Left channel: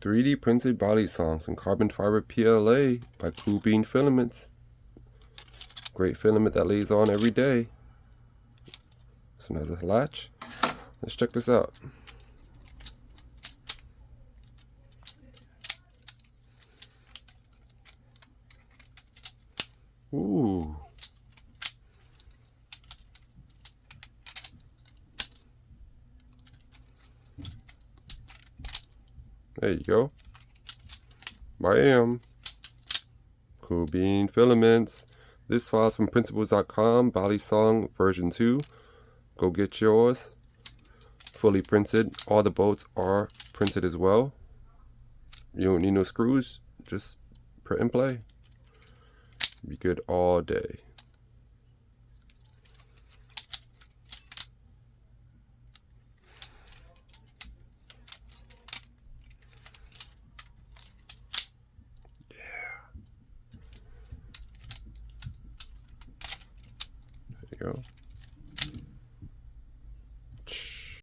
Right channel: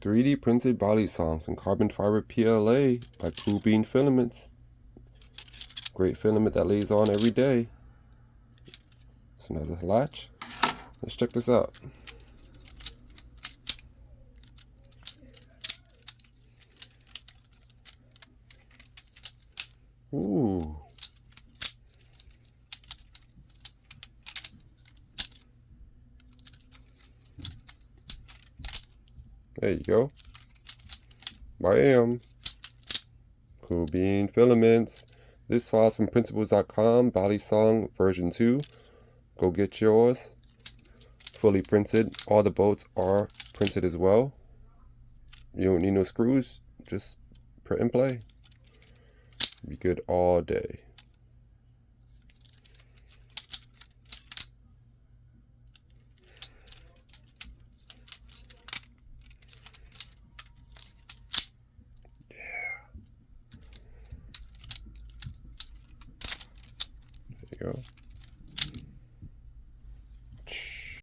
3D printed Balisongs and carbon fiber PLA by Cool Bean Filaments. Great filament that lays on every day. This one has a latch. Let's check this out. Ooh. There you go. Bam. Cool Bean Filaments. This file's from printables.com, Balisong version 2. Go get yours. Fully printed. All the bolts are printed as well. You don't need no screws. Just print and play. Be good all day. There you go.